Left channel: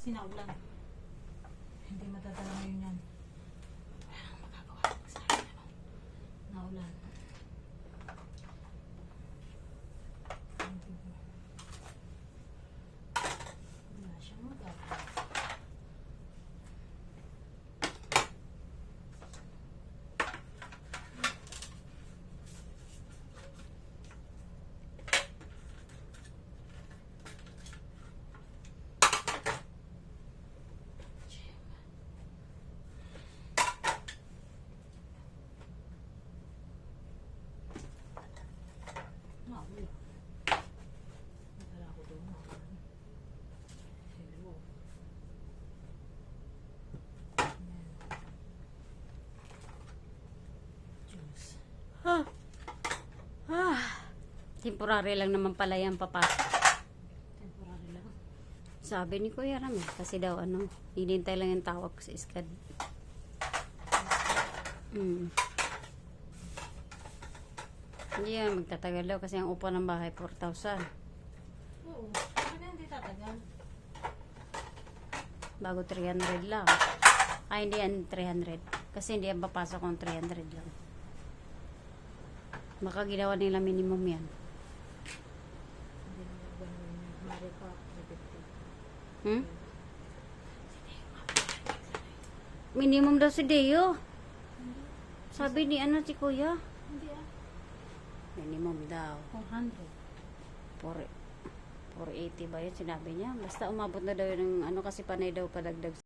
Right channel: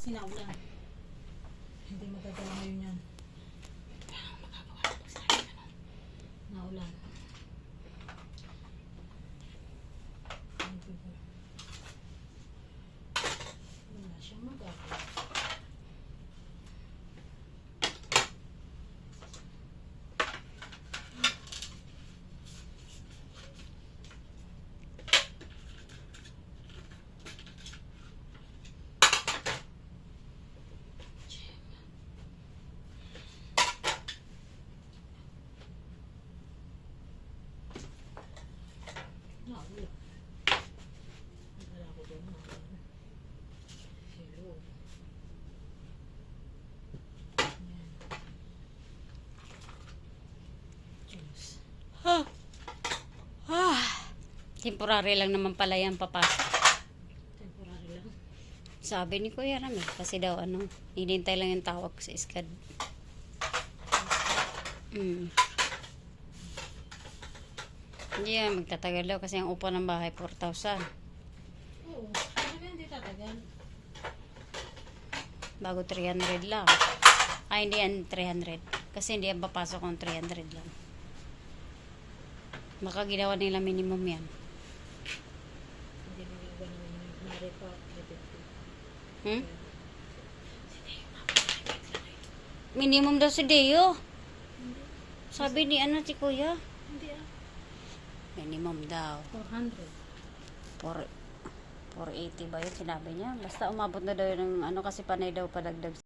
Kasi naulan. Hindi madadala ngayon yan. Naulan. Wala siyang magagawa. Naulan. Wala ko doon. Naulan. Hello. Juice. Temporary lang naman pala yan papasok. Temporary lang. Sabi ni Kuya Ramil, kasi daw hinintay lang yung tawag sa iskad. Hindi yan, magtatagal daw kasi ang upa ng bahay 4,000. Oo. Bakit hindi tatagal? Bago 300 lang. Ay, hindi yan 300. Kasi hindi yan papasok kung 300 lang. Baka ginawa nila minimum yan. Hindi na yung ganun yung mare pa. Minimum daw si Deo. Sabi ni si Kuya. Hindi ah. Minimum daw. 400. 480 ba yun sinabi niya? Basta umabot na daw ng kasi panay daw padagdag